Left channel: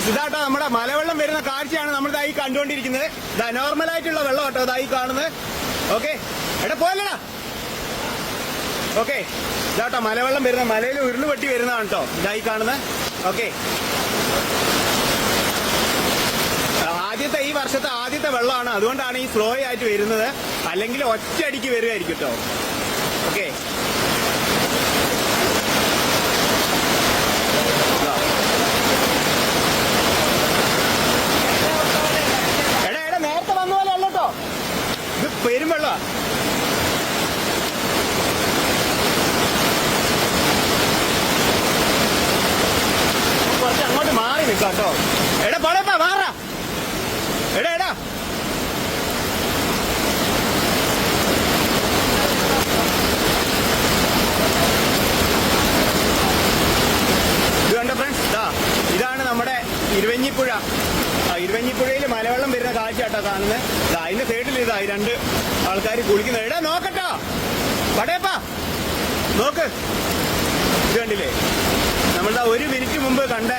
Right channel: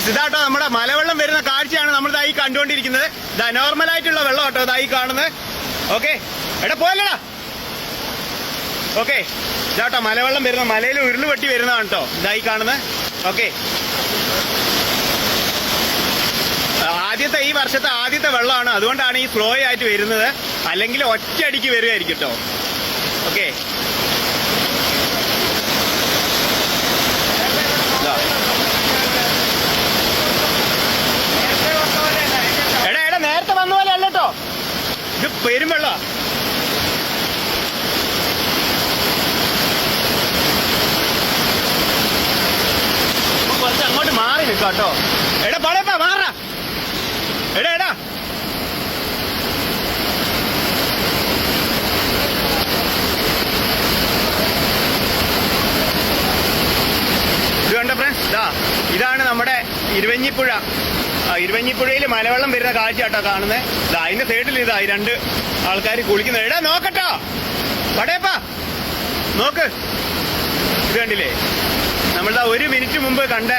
Friends, ഇതാട്ടോ നമ്മുടെ മലവെള്ളം വരുന്ന കാഴ്ചയാണ് നമ്മൾ ഇതായി കണ്ടുകൊണ്ടിരിക്കുന്നത്. ഇതാ നോർമലായിട്ടുള്ള വെള്ളം കേട്ടോ ഇതായി കാണുന്നത്. ഓക്കെ, എടാ പോലടാ. ഓക്കെ, ഇതാട്ടോ മലവെള്ളം വരുന്ന, മലയിൽ ഉരുളുപൊട്ടി വരുന്നതാണ് കേട്ടോ ഇതായി കാണുന്നത്. ഓക്കെ, ഈ വർഷത്തെ ആദ്യത്തെ വെള്ളമാണ്, അതുകൊണ്ടാണ് ഈ സ്ലോ ആയിട്ട് വരുന്നത്. അല്ലെങ്കിൽ ഒറ്റയടിക്ക് വരുമായിരിക്കും കേട്ടോ. ഓക്കെ, എടാ നേരത്തെ വന്ന പോലെ അല്ല കേട്ടോ, ഇത് പെരുംവെള്ള. കുറച്ച് അങ്ങോട്ട് മാറി നിൽക്കാം കേട്ടോ. എടാ പടപ്പാ മാറാ. എടാ എടാ ഇത് കണ്ടോ ഫ്രണ്ട്സ്, ഇതാണ് നമ്മുടെ ഇരുവഞ്ഞിപ്പുഴ. ഇരുവഞ്ഞിപ്പുഴയിൽ മലവെള്ളം വരുന്ന കാഴ്ച കേട്ടോ കാണുന്നത്. അതിന്റെ സൈഡിൽ ഈ രണ്ട് ആൾക്കാർ കുളിക്കുന്നത്. എടാ നോക്കട്ടോ പടയപ്പാ, നോക്ക്. ഇത് കണ്ടില്ലേ, നമ്മളിതാ 1 മിനിറ്റ് മുമ്പ് കണ്ട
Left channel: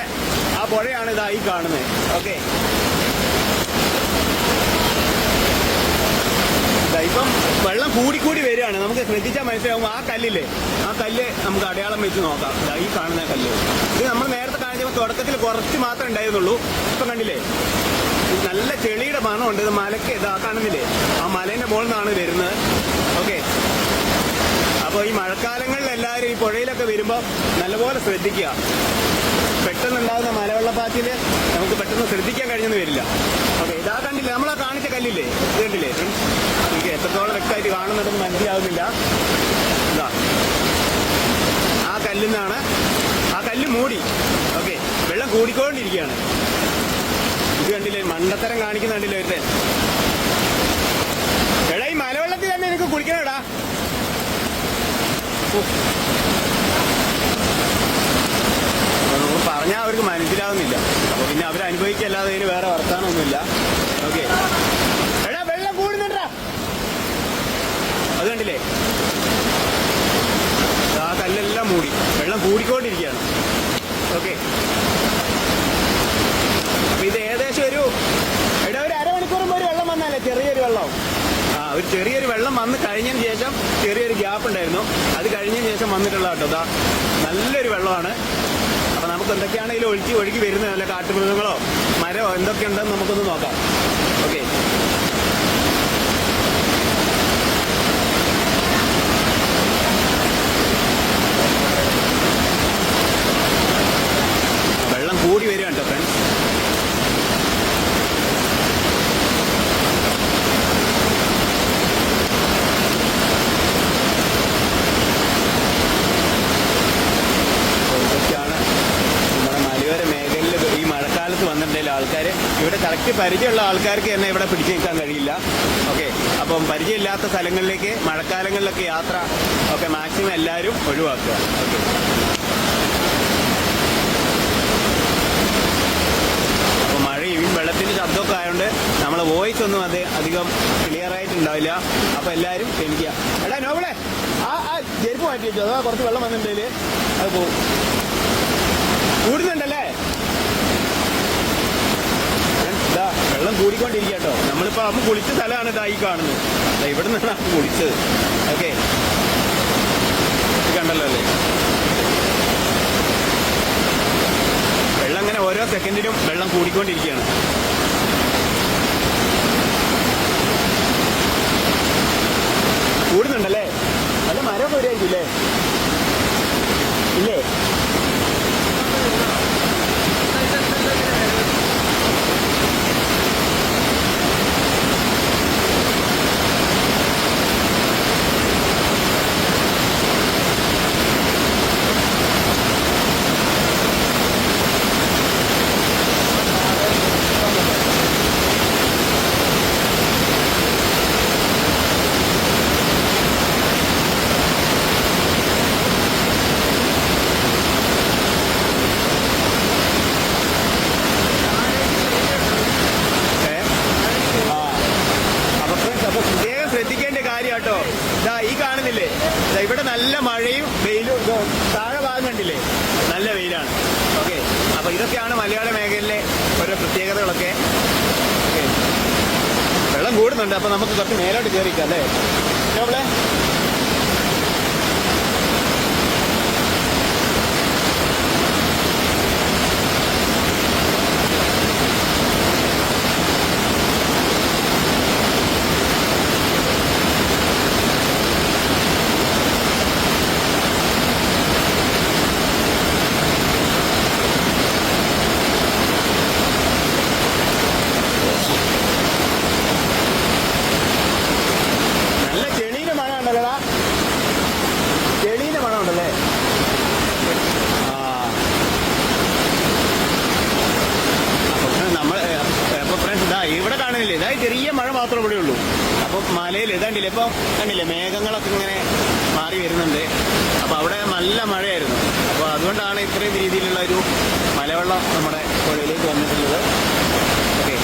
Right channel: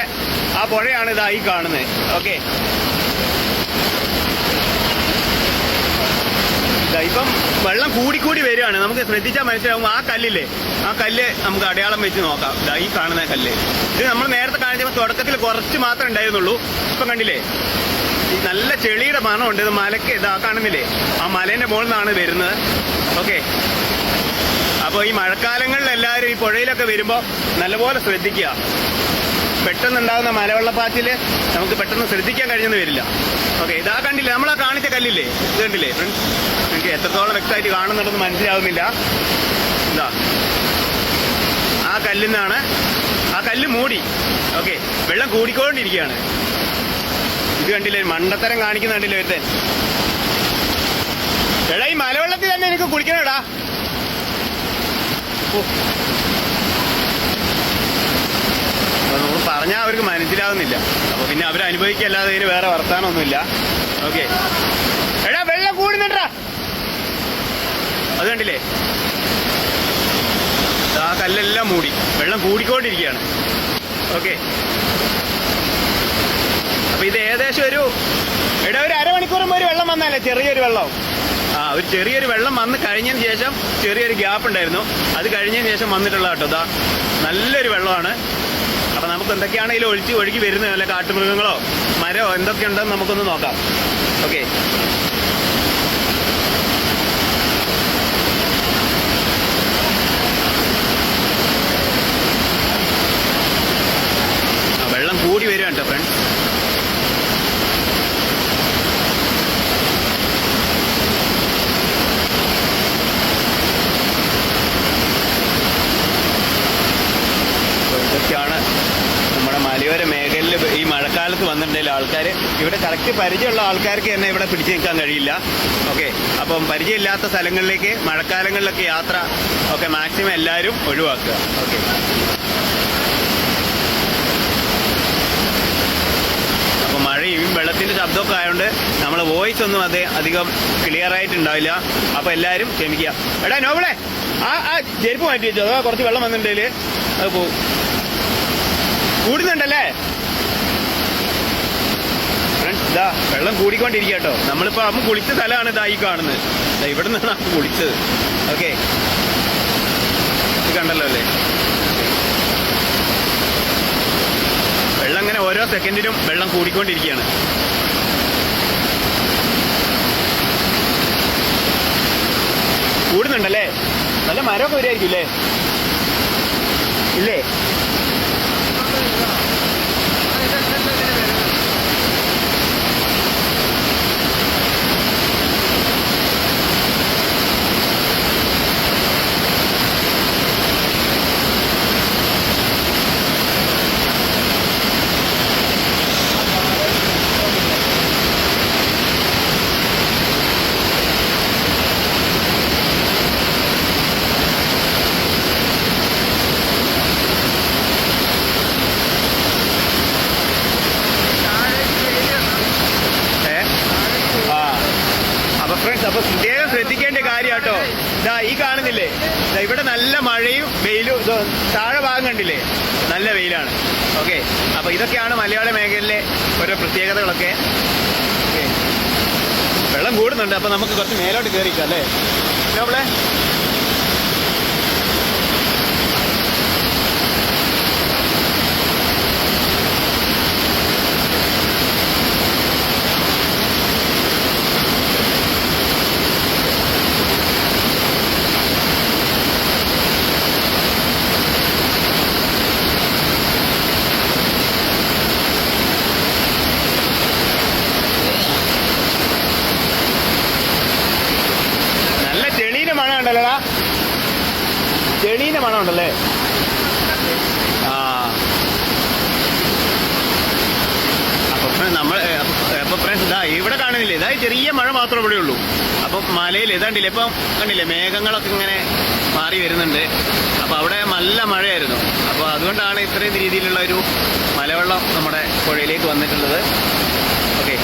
ആ പുഴയാണ് ഇതായി കാണുന്നത്. ഓക്കെ, ഇപ്പം വെള്ളം കൂടിക്കൂടി വരികയാണ്. നമുക്ക് ശ്രദ്ധിച്ചാൽ മനസ്സിലാവും. ആ കല്ലില്ലേ, ആ കല്ല് നമുക്ക് അടയാളം വെച്ച് നോക്കാം. ഈ കാണുന്ന കല്ല്, ഇത് നമ്മൾ നേരത്തെ കാണിച്ചപ്പോൾ തുടക്കത്തിൽ കുറച്ച് മാത്രമേ ഉണ്ടായിരുന്നുള്ളൂ. ഇപ്പം കണ്ടില്ലേ, നല്ല ചെളിയുടെ മണമുണ്ട്. ഇത് മലക്ക് ഇതാ കാണുന്നില്ലേ, ആ മലേന്റെ മുകളിൽ നിന്നാണ് വരുന്നത്. ഓക്കെ, അപ്പോൾ ഈ മഴക്കാലങ്ങളിൽ എല്ലാവരും ഈ പുഴയിലൊക്കെ വരുമ്പോൾ നല്ലപോലെ ശ്രദ്ധിക്കുക. പെട്ടെന്നുണ്ടാകുന്ന മലവെള്ളപ്പാച്ചില് നമുക്ക് പെട്ടെന്ന് ശ്രദ്ധിക്കാൻ കഴിഞ്ഞെന്ന് വരില്ല. ഓക്കെ, ഇതാ കണ്ടില്ലേ, നമ്മളാ കാണിച്ച കല്ലില്ലേ, ഇത് കണ്ടില്ലേ ഫ്രണ്ട്സ്, എനിക്ക് എത്രത്തോളം വ്യക്തമായിട്ട് കാണുന്നുണ്ടെന്ന് മനസ്സിലാവുന്നില്ല. ഇതാ ആ കല്ലിൽ നിന്നാണ്, ആ കല്ല് മൂടി. ഓക്കെ, വെള്ളം കൂടിക്കൊണ്ടിരിക്കുകയാണ്. ഇത് കണ്ടില്ലേ, മണ്ടത്തരം കാണിക്കുന്ന കണ്ടില്ലേ ഒരുത്തൻ. എടാ ഈ മലവെള്ളത്തിൽ തന്നെ എനിക്ക് കുളിക്കണേടാ. നമുക്ക് പറഞ്ഞാൽ അവർക്ക് മനസ്സിലാവുന്നില്ല. അപ്പൊ പിന്നെ അവരനുഭവിക്കല്ലാതെ ഇതിന് വേറെ വർത്താനമൊന്നുമില്ല. ഓക്കെ, എടാ വെള്ളം കൂടുന്നുണ്ടാ. അത് കണ്ടില്ലേ, ആ കല്ലെല്ലാം മൂടി, വെള്ളം കൂടിക്കൊണ്ടിരിക്കുകയാണ്. ഓക്കെ, അപ്പൊ ഇത് ഏകദേശം ഒരു അരമണിക്കൂർ മുമ്പ് ഒരു വെള്ളം വന്നാലേ, ചെറിയൊരു വെള്ളം. ഒരു ചെറിയൊരു വെള്ളം വന്ന് കഴിഞ്ഞതിന് ശേഷം ചെറിയൊരു ഗ്യാപ്പ് ഉണ്ടായിരുന്നു. അത് കഴിഞ്ഞതിന് ശേഷം വന്നിട്ടുള്ള കേട്ടോ. നല്ലൊരു വെള്ളമാണ്. അപ്പൊ നമുക്ക് എന്തൊക്കെയാണ് ഇതിൽ ഒഴുകി വരുന്നത്, വല്ല കാട്ടുമൃഗങ്ങളോ മരമോ എന്തൊക്കെ ഉണ്ടെന്ന് നമുക്കൊന്ന് നോക്കാം. ഓക്കെ, വെള്ളം കൂടി വരികയാണ് കേട്ടോ ഫ്രണ്ട്സ്. ഇതൊക്കെയാണ് നമ്മുടെ മലയോര മേഖലയിൽ ഈ മഴക്കാലത്ത് വന്നിട്ടുണ്ടെങ്കിൽ ആൾക്കാർ ഇവിടെ കറക്റ്റ് പരിചയമുള്ള ആൾക്കാർക്ക് തന്നെ ഇവിടെ പിടിച്ചു നിൽക്കാൻ കഴിയില്ല. ഓക്കെ, അപ്പം പരിചയമില്ലാത്ത സ്ഥലങ്ങളിലേക്ക് മഴക്കാലങ്ങളിലൊക്കെ യാത്ര ഒക്കെ മാക്സിമം എല്ലാവരും ഒഴിവാക്കുക. ഓക്കെ, അപ്പൊ മഴയും വെള്ളത്തിന്റെ ശബ്ദമൊക്കെ ആയതുകൊണ്ട് നമ്മളെ വോയിസ് ഒന്നും അധികം ക്ലിയർ ആയിട്ടുണ്ടാവില്ല. അപ്പൊ എല്ലാവരും ക്ഷമിക്കുക. എടാ നോബിളെ, ആ ചെരുപ്പ് മാറ്റി വെച്ചോ, അതോ കുറച്ച് വെള്ളം വന്നിട്ടുണ്ടെങ്കിൽ അത് പോകും. കൂടുന്നുണ്ടല്ലേ ഇതാ, വെള്ളം കൂടിക്കൊണ്ടിരിക്കുക കേട്ടോ. നമ്മളിപ്പോ അമ്മ കുളിച്ച സ്ഥലമാണ് ഇതായി കാണുന്നത്. ഇവിടെ നിന്നാണ് അമ്മ കുളിച്ചത്. ഓക്കെ, ഇത് കണ്ടല്ലോ അല്ലേ, വെള്ളം ഇങ്ങനെ ഓരോ സെക്കൻഡിനും വെള്ളം കൂടിക്കൊണ്ടിരിക്കുകയാണ്. കൂടുന്നുണ്ടല്ലേ, നല്ല മരമൊക്കെ വരുമായിരിക്കും അല്ലേ? ഇല്ലേ, അപ്പൊ പ്രത്യേകം ശ്രദ്ധിക്കേണ്ട കാര്യം കേട്ടോ. ഇതാ ഈ കാണുന്നില്ലേ, ഇവിടെ നല്ല മഴയും വെയിലും, താഴെ ഭാഗം കണ്ടില്ലേ നല്ല വെയിലാണ്. ഓക്കെ, അപ്പൊ ഇതൊക്കെയാണ് മലയാള മേഖലയിലെ ഓരോ പ്രത്യേകതകളൊക്കെ. വെള്ളം കൂടുന്നുണ്ട്, അപ്പൊ നമുക്ക് കുറച്ച് മേലോട്ട് കയറിക്കാം അല്ലേ നമ്മളെ. നല്ല ചെളീന്റെ മണം ഉണ്ടല്ലോടാ, ചെളീന്റെ മണം ഉണ്ടല്ലേ. ആ അപ്പൊ ഫ്രണ്ട്സ് ഇതാ ഇവിടെ കാണുന്നില്ലേ, ഇതാ ചെറിയ മഴ മാത്രമേ ഇവിടെ ഉള്ളൂ. അപ്പൊ മലയിൽ ഇതാണ്ടില്ലേ ഇപ്പം കണ്ടില്ലേ, മേഘങ്ങളൊക്കെ ഇങ്ങനെ മാറി വരുന്നുണ്ട്. അപ്പൊ അവിടെ നല്ല മഴയായിരുന്നു. അപ്പൊ അതുകൊണ്ടാണ് ഇത്രയും രീതിയിലുള്ള ഒരു മലവെള്ളം നമ്മുടെ പുഴയിലേക്ക് വന്നിട്ടുള്ളത്. ഓക്കെ.